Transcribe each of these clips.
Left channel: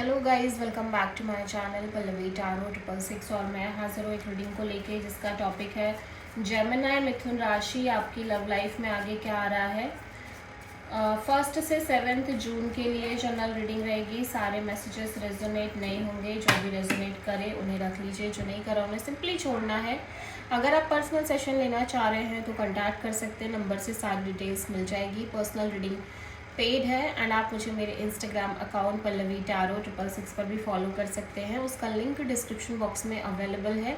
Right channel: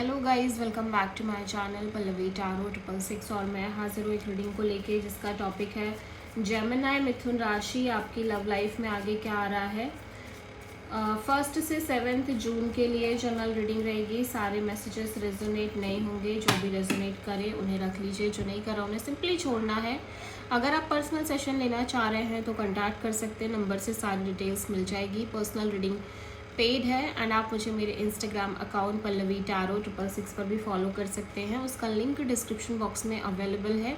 Hello guys, welcome back to my channel Pallavi tarot 666 और मैं हाजिर हूँ एक रीडिंग को लेके जिसका टॉपिक है जेमिनी मिथुन राशि। आपकी लव लाइफ में आगे क्या आ रहा है। 1 से 7 जून के लिए जनरल रीडिंग रहेगी। सारे मैसेजेस रेजोनेट नहीं होंगे, जो भी रेजोनेट करे उन्हें रख लीजिए, जो नहीं करा उन्हें सिंपली छोड़ना है। अगर आप पर्सनल सेशन लेना चाह रहे हैं तो कॉन्टैक्ट कर सकते हैं, नंबर से सारी डिटेल्स मिल जाएगी। पर्सनल रीडिंग पेड है एंड आप मुझे मेरे इंस्टाग्राम अकाउंट पल्लवी टारो 666 पर भी फॉलो कर सकते हैं। उसका लिंक डिस्क्रिप्शन बॉक्स में अवेलेबल है।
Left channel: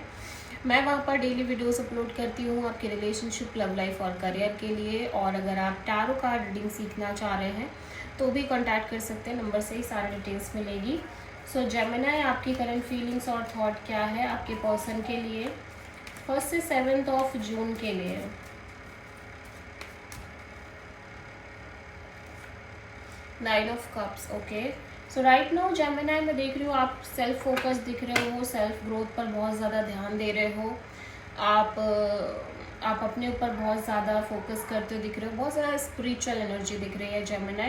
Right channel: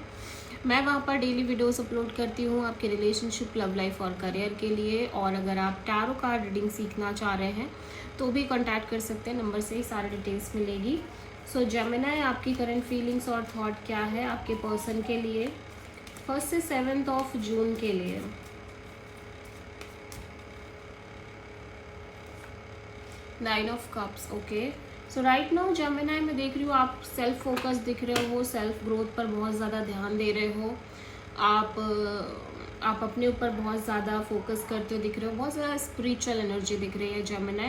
मैं वहाँ पर डेली वीडियोस अपलोड करती हूँ आपके रिलेशनशिप, लव लाइफ और करियर के लिए। और अगर आप टारो कार्ड रीडिंग सीखना चाह रहे हैं तो भी कॉन्टैक्ट कर सकते हैं, नंबर से ही सारी डिटेल्स मिलेगी। सो जेमिनी, आपकी करंट फीलिंग्स और थॉट क्या है आपके पर्सन के लिए 1 से 7 जून के लिए। Nine of cups. Okay, so right now Gemini मैं देख रही हूँ आप सेल्फ फोकस दिख रहे हो, सेल्फ ग्रोथ पर बहुत ज़्यादा ध्यान दे रहे हो। आप अपने ऊपर बहुत ज़्यादा फोकस करते हो दिख रहे हो, बहुत ज़्यादा स्पिरिचुअल एनर्जी दिख रही है जेमिनी।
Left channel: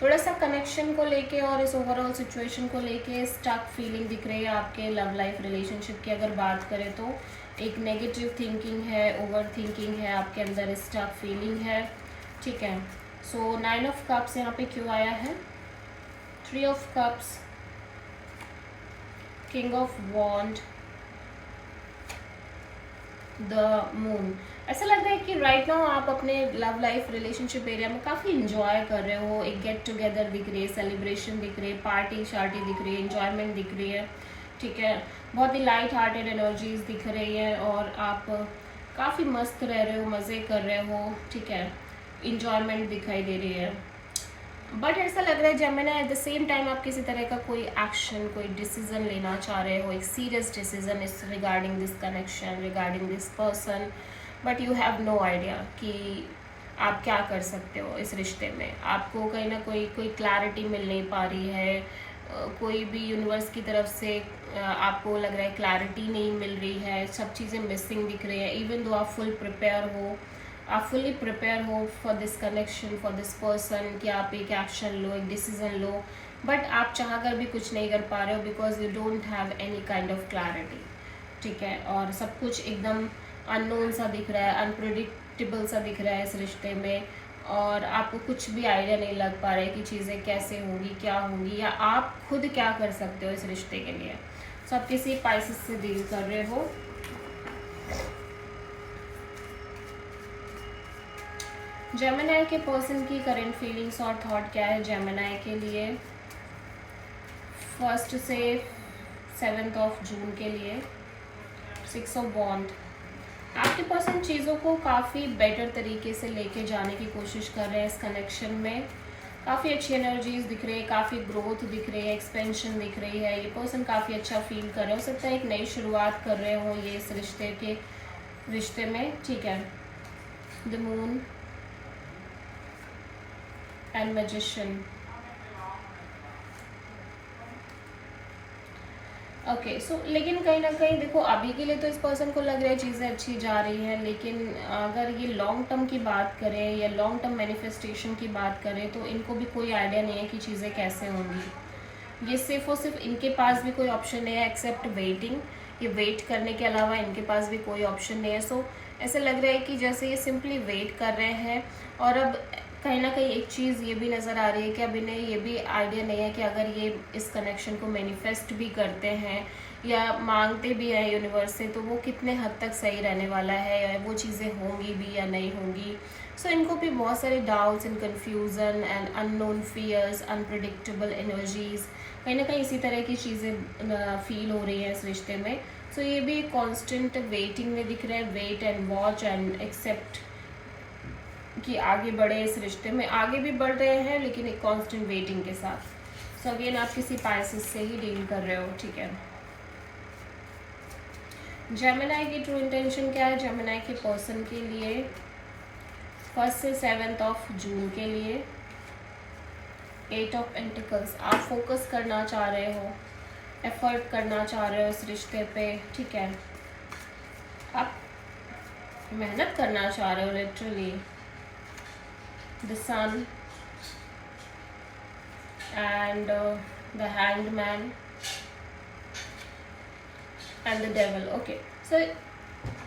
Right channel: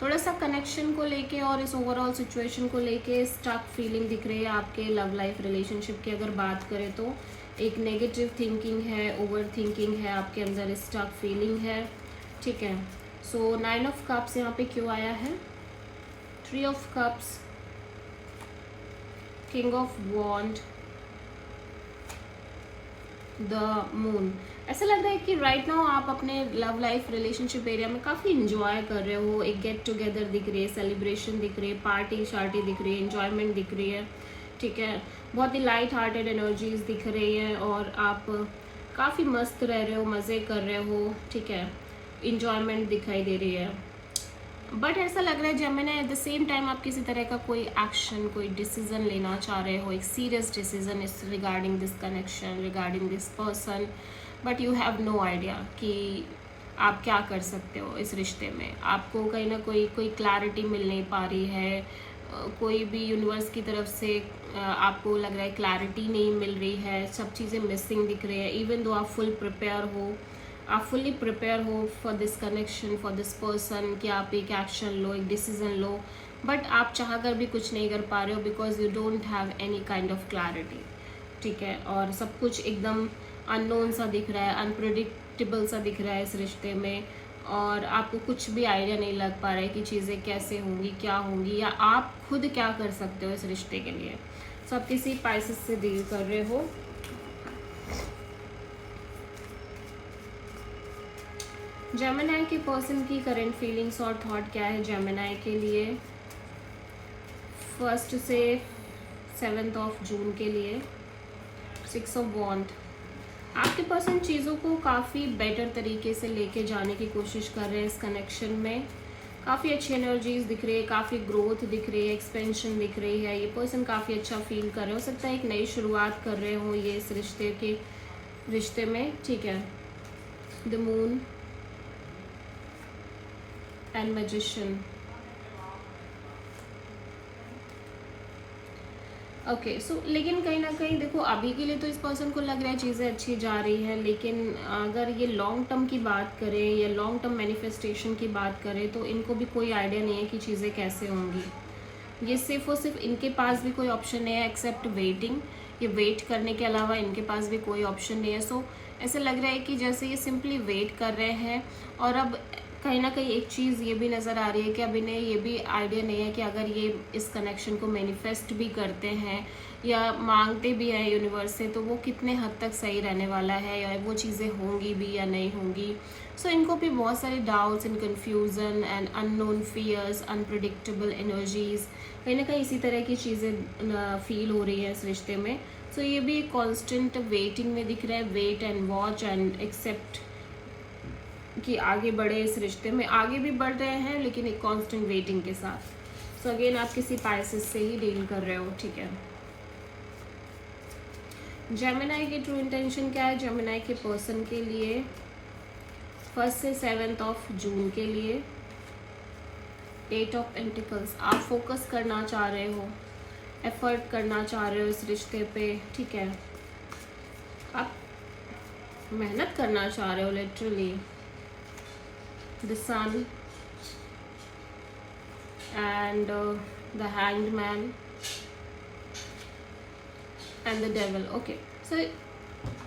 थोड़ा सा कनेक्शन को लेके और इस ओवरऑल सिचुएशन को लेके स्टक फीलिंग दिख रही है आपके लव लाइफ रिलेशनशिप की। अगर बात करें तो एक नेगेटिव थिंकिंग है, ओवर थिंकिंग है आपके अंदर, स्टक फीलिंग है। ठीक है, सो 9 ऑफ कप्स यहाँ पे क्यों आया है, 3 of cups, king of wand, the moon. ऐसा लग रहा है कि राइट नाउ आप अपने लव लाइफ रिलेशनशिप एरिया में काफ़ी इंजॉय कर रहे हो। एक गेट टुगेदर दिख रही है, सेलिब्रेशन दिख रही है, पार्टी शार्टी दिख रही है, इंजॉयमेंट दिख रही है। ठीक है, बहुत ही लाइट हार्टेड एनर्जीज दिख रही है और आप काफ़ी मस्त रह रहे हो, मज़े कर रहे हो। ठीक है, इंजॉयमेंट दिखाई दे रही है। बट ऐसा लग रहा है Gemini at the same time आप किसी तरह का कोई एक्शन, कोई डिसीजन लेना चाह रहे हो, एक serious decision is regarding this connection, regarding this person, but you have no idea कि आप क्या कर सकते हो इस रिश्ते में। आपको कहीं ना कोई क्लैरिटी मिल नहीं पा रही है, कोई भी यूनिवर्स की तरफ से आपको लग रहा है क्लैरिटी नहीं मिल रही है, सब चीज़ें मिसिंग दिख रही है। इवन दो आप फुल प्रिपेयर हो, आप फुली प्रिपेयर हो for this connection, for this person, कि आप एक एक्शन लो, एक डिसीजन लो, बट आप चाह कर भी कुछ नहीं कर पा रहे हो because you don't have any kind of clarity. ठीक है, और सब कुछ एकदम अननोन सा दिख रहा है, अनप्रिडिक्टेबल सा दिख रहा है इस रिश्ते में, और आपको कुछ भी आइडिया नहीं लग पा रहा है कि चीज़ें कैसे होंगी, क्या होंगी, या आप खुद क्या कर सकते हो इस रिश्ते के लिए। सो आप किसी पाइसेस से डील कर रहे हो। जेमिनी के पर्सन की करंट फीलिंग्स और थॉट क्या है जेमिनी के लिए 1 से 7 जून के लिए। 6 ऑफ वॉन्ड। आपके पर्सन चीज़ों को काफ़ी बेटर तरीके से लेके जाने की कोशिश कर रहे हैं इस कनेक्शन में। काफ़ी अच्छी एनर्जीज दिख रही है, काफ़ी ग्रोथ दिख रही है, एक्सपेंशन दिख रही है। ये पर्सन काफ़ी अच्छा फील कर रहे हो सकता है एक नई शुरुआत कर रहे हो ये इस रिश्ते में। ठीक है, the moon and magician. Okay, so लेकिन कहीं ना कहीं देखो अभी के लिए तो इस पर्सन को लग रहा है चीज़ें अच्छी जा रही हैं, लेकिन अगर ये लॉन्ग टर्म की बात करें या लॉन्ग टर्म मैनिफेस्टेशन की बात करें तो इनको भी कोई आइडिया नहीं है कि चीज़ें कैसे होंगी। ये सिर्फ और सिर्फ इनके पास भी कोई ऑप्शन नहीं है एक्सेप्ट वेटिंग। ये वेट करने के अलावा इनके पास भी कोई ऑप्शन नहीं है। सो ऐसा लग रहा है कि जैसे ये सिंपली वेट कर रहे हैं, और अब कहीं ना कहीं एक चीज़ ये भी नज़र आ रही है कि अब इन्हें ये भी आइडिया नहीं है कि अगर ये इस कनेक्शन को मैनिफेस्ट भी करते हैं या मांगते भी हैं यूनिवर्स से, तो वो कितने हद तक सही रहने वाला है, या वो चीज़ें होंगी भी या नहीं होंगी। सो इनको भी बहुत सारे doubts and confusion and unknown fears, unpredictable energies, कहीं ना कहीं इसी तरह की चीज़ें फील हो रही हैं इस रिश्ते में। सो ये भी कॉन्स्टेंट वेटिंग में दिख रहा है, wait and watch and accept कि आगे बढ़े इस रिश्ते में। आगे भी बढ़ रहे हैं लेकिन एक कांस्टेंट वेटिंग के साथ। सो अगेन आप किसी पाइसेस से ही डील कर रहे हो। ठीक है, जेमिनी की ट्रू इंटेंशन क्या है जेमिनी के पर्सन के लिए 1 से 7 जून के लिए। 8 ऑफ पेंटिकल्स। आप फोकस करना चाह रहे हो, एफर्ट करना चाह रहे हो इस रिश्ते पे। ठीक है, आप मेहनत करना चाह रहे हो literally. The sun and the hangman and the devil. Okay, so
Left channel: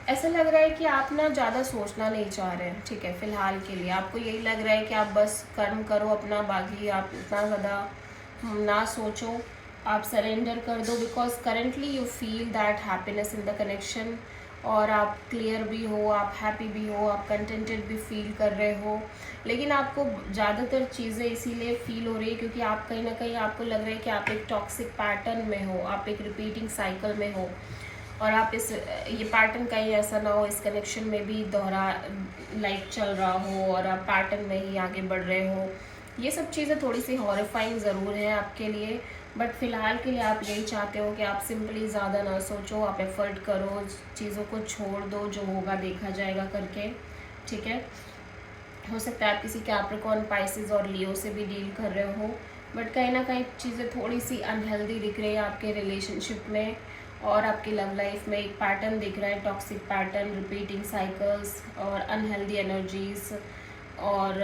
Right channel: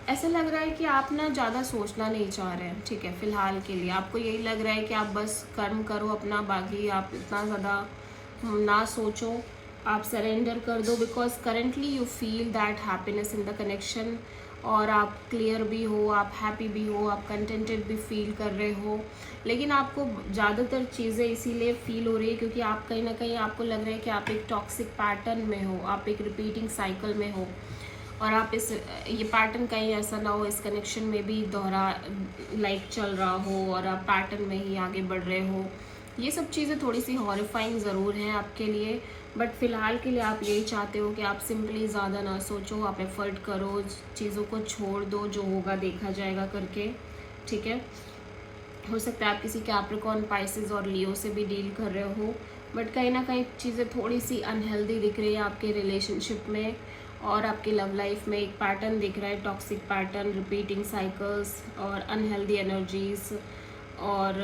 ऐसा लग रहा है कि आप ना ज़्यादा सोचना नहीं चाह रहे हैं, ठीक है। फिलहाल के लिए आपको यही लग रहा है कि आप बस कर्म करो अपना, बाकी आप इतना ज़्यादा ना सोचो, आप सरेंडर कर दो, because currently you feel that happiness in the connection, और आप क्लियर भी हो, आप हैप्पी भी हो, आप कंटेंटेड भी फील कर रहे हो। लेकिन आपको ज़्यादातर चीज़ें इसीलिए फील हो रही है क्योंकि आप कहीं ना कहीं आपको लग रहा है कि आप एक टॉक्सिक पैटर्न में हो, आप एक रिपीटिंग साइकिल में हो, और आप ये पैटर्न कहीं ऐसा ना हो इस कनेक्शन में भी दोहरा लाइक चल रहा हो और आप पैटर्न में ही आगे बढ़ रहे हो। ये सब चीज़ें थोड़ी सी हॉरिफाइंग ज़रूर हैं आपके लिए, बट फिलहाल के लिए आप यही चाहते हो कि आप सिंपली ज़्यादा ना सोचो, आप एफर्ट करो, चीज़ों को छोड़ दो, जो होगा देखा जाएगा करके, ठीक है। हो सकता है आप किसी कैप्रिकॉर्न, पाइसेस और लियो से भी डील कर रहे हो, बट कहीं ना कहीं चीज़ें थोड़ी सी अनहेल्दी दिख रही है आपके रिलेशनशिप में, और आपकी लव लाइफ में एक पैटर्न दिख रहा है, टॉक्सिक पैटर्न, रिपीटिंग साइकिल्स और अनहेल्दी एनर्जीज और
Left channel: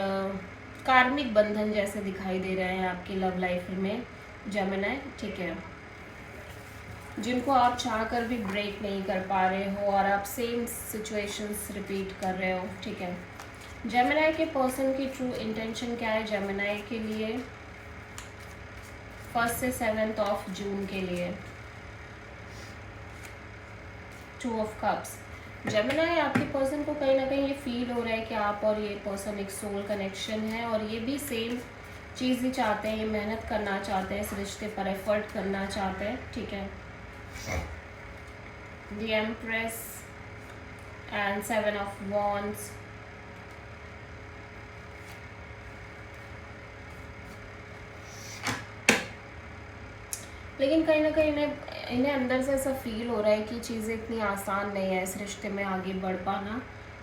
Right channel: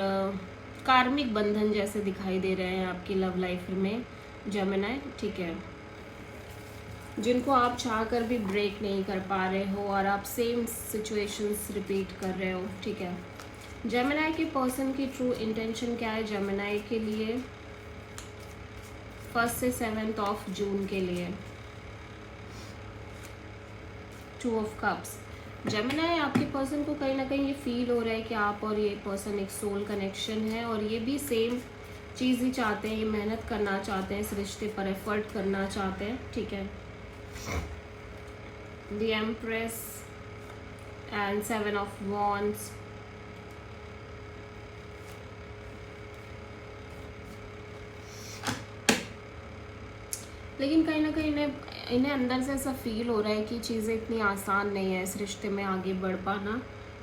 कार्मिक बंधन जैसे दिखाई दे रहे हैं आपकी लव लाइफ में जेमिनी, ठीक है, जिनको आप चाह कर भी ब्रेक नहीं कर पा रहे हो और आप सेम सिचुएशंस रिपीट कर रहे हो, ठीक है। जेमिनी के पर्सन की ट्रू इंटेंशन क्या है जेमिनी के लिए 1 से 7 ऑफ जून के लिए? 2 ऑफ कप्स। जेमिनी, आपके पर्सन को कहीं ना कहीं ये फील हो रहा है कि आप और ये पर्सन एक सोल कनेक्शन है, और ये भी सेम चीज़ ही चाहते हैं, ये मेहनत करना चाहते हैं, इस रिश्ते पर एफर्ट करना चाहते हैं, ठीक है। The empress and 7 of wands. लेकिन कहीं ना कहीं इन्हें अंदर से ऐसा फील हो रहा है कि चीज़ें इतनी आसान नहीं है इस रिश्ते में आगे बढ़ पाना,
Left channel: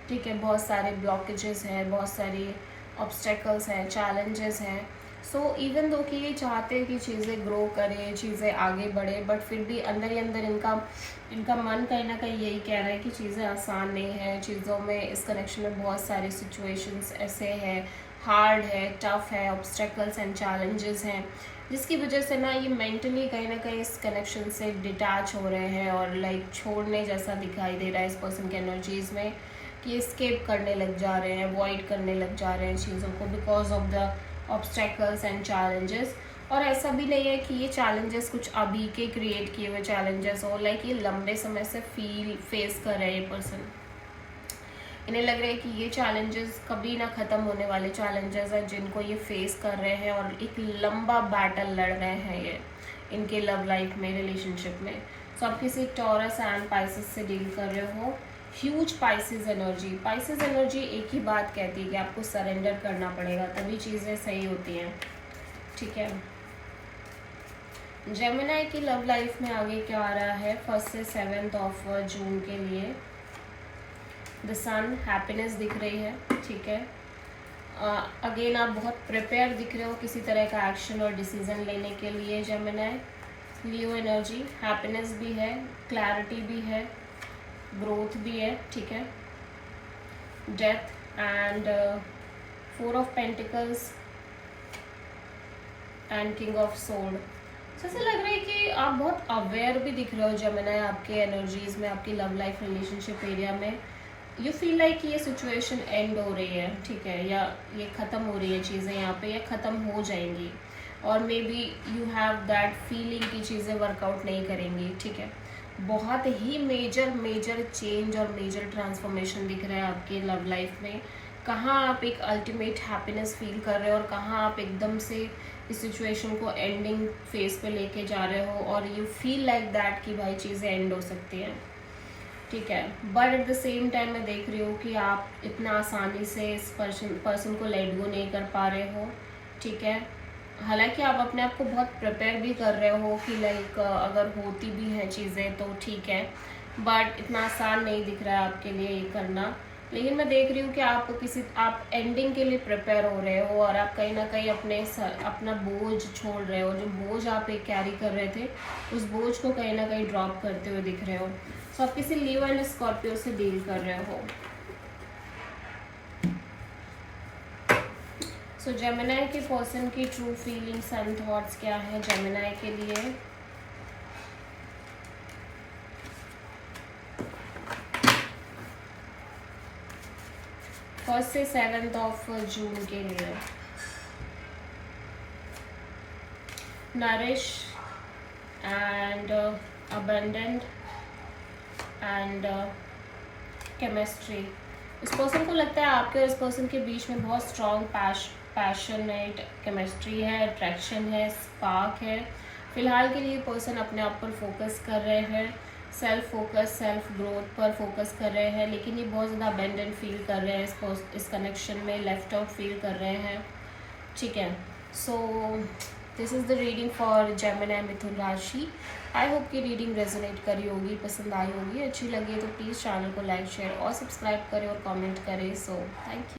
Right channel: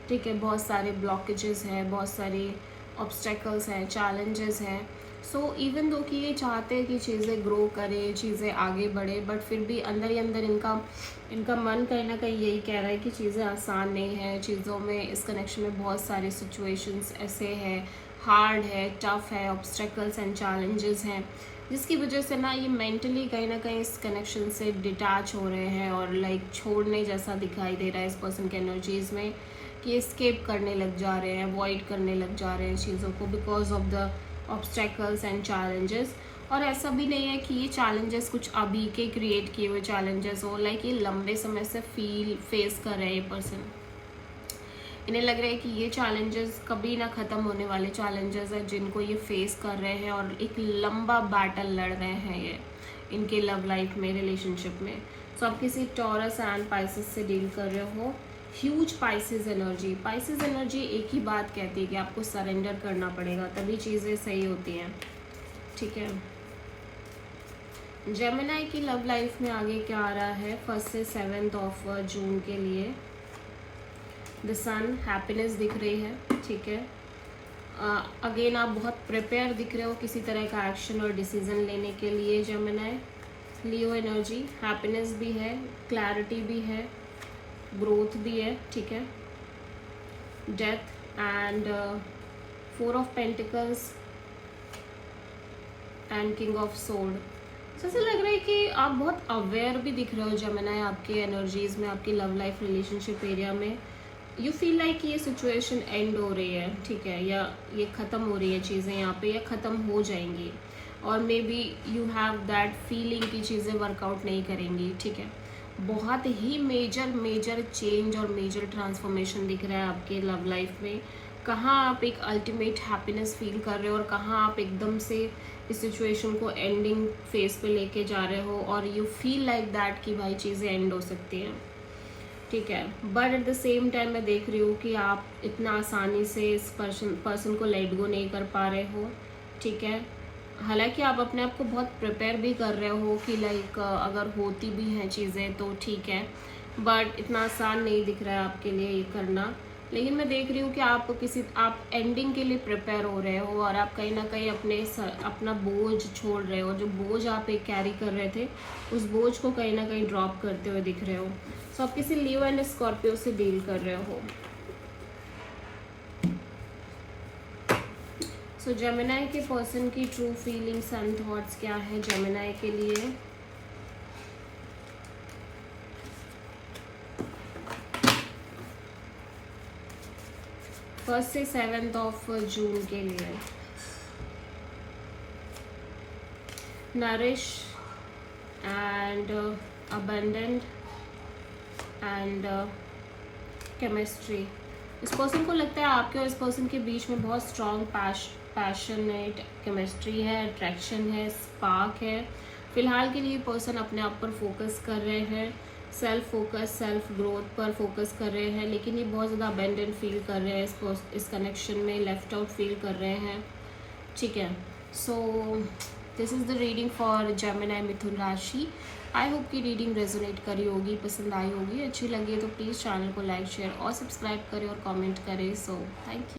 ठीक है। बहुत सारे ब्लॉकेजेस हैं, बहुत सारी ऑब्स्टेकल्स हैं, चैलेंजेस हैं। सो इवन दो कि ये चाहते हैं कि चीज़ें ग्रो करें, चीज़ें आगे बढ़े, बट फिर भी अंदर ही अंदर इनका मन कहीं ना कहीं यही कह रहा है कि चीज़ें आसान नहीं है, चीज़ों में, इस कनेक्शन में बहुत सारी सिचुएशंस ऐसे हैं, हार्ड है, टफ है, ऑब्स्टेकल्स एंड चैलेंजेस हैं, जिसकी वजह से ना ये मेंटली कहीं ना कहीं इस कनेक्शन से डिटैच हो रहे हैं और लाइक छोड़ने जैसा दिखाई दे रहा है इस पर्सन के एनर्जीज में, कि स्केप करने लग जा रहे हैं, अवॉइड करने लग जा रहे हैं चीज़ों को because of the obstacles and challenges. और ऐसा भी नहीं है कि ये चैलेंजेस कुछ अभी के क्रिएट किए हुए चैलेंजेस हो, लाइक ये लंबे समय से फेस कर रहे हैं ये पर्सन। इन्हें लग रहा है कि ये चैलेंजेस कभी ना ख़त्म होने वाले चैलेंजेस हैं जिनको ये फेस कर रहे हैं, और एक लंबा बैटल लड़ रहे हैं ये इनके लव लाइफ में, रिलेशनशिप में। सो आप किसी टॉरस एंड पाइसेस से डील कर रहे हो। ह्यूज पाइसेस एनर्जी एक ही बात कहती है कि आपको सरेंडर करना पड़ेगा, तभी चीज़ें सही होती हैं, ठीक है। जेमिनी की लव लाइफ में आगे क्या आ रहा है 1 से 7 ऑफ जून के लिए? द सन, हैप्पीनेस दिख रही है, ठीक है। अगेन आप बहुत प्रिपेयर दिख रहे हो किसी तरह का एक्शन और डिसीजन लेने के लिए जेमिनी। लियो एनर्जी, हैप्पीनेस भी है, क्लैरिटी भी है, ग्रोथ भी है, ठीक है। Death and 4 of pentacles and king of sword. ऐसा लग रहा है कि आप बहुत अवेयर भी दिख रहे हो जेमिनी आपके एनर्जीज में, आपकी लव लाइफ रिलेशनशिप एरिया में। यू फील लाइक ये सिचुएशन एंड हो रही है, ठीक है, या ये ख़त्म हो रही है चीज़ें यहाँ पे, या ख़त्म हो जाएंगी, और may be you have that feeling कि चीज़ें वर्कआउट नहीं करेंगी, ठीक है। बहुत ही मेजर चेंज और मेजर ट्रांसफॉर्मेशन दिख रहा है आपके लव लाइफ में। कहाँ आप एक अल्टीमेट हैप्पीनेस फील कर रहे हो और कहाँ आप एकदम से इस सिचुएशन को एंडिंग फेज पे लेके जा रहे हो, और यू फील लाइक दैट कि भाई चीज़ें एंड हो सकती हैं, ठीक है। But at the same time मैं देख रही हूँ कि आप इतना आसानी से इस पर्सन को लेट गो नहीं कर पा रहे हो, ठीक है। हालांकि आप अपने आप को बहुत प्रिपेयर भी कर रहे हो कि लाइक अगर होती भी हैं चीज़ें तो ठीक है, बट इतना आसान नहीं दिख रहा है आपके लिए ये करना। लेकिन मैं देख रही हूँ कि आप एंडिंग के लिए प्रिपेयर हो रहे हो, और आप कहीं ना कहीं अपना बोझ छोड़ रहे हो, जो बोझ आप एक कैरी कर रहे थे उस बोझ को कहीं ना कहीं ड्रॉप करते हुए दिख रहे हो। सो आप किसी लियो एंड स्कॉर्पियो से डील कर रहे हो। सो जेमिनाई के पर्सन की ट्रू फीलिंग्स एंड थॉट्स क्या है जेमिनाई के लिए? फर्स्ट से 7 जून के लिए। Nourish and abundant and chemistry. इस पर्सन को लगता है आपके और इस पर्सन के बीच में बहुत स्ट्रॉन्ग पैशनेट केमिस्ट्री है, अट्रैक्शन है, स्पार्क है। फिलहाल के लिए पर्सन अपने आप पर फोकस कर रहे हैं, सेल्फ फोकस, सेल्फ ग्रोथ पर फोकस कर रहे हैं, लेकिन ये बहुत ज़्यादा अबेंडेंट फील कर रहे हैं इस कनेक्शन में, लेफ्ट आउट फील कर रहे हैं। ठीक है, so this is the reading for Gemini Mithun राशि। आई होप कि रीडिंग रेजोनेट करी होगी, पसंद आई होगी। अच्छी लगी तो प्लीज़ चैनल को लाइक, शेयर और सब्सक्राइब करें और कमेंट करें। So thank you.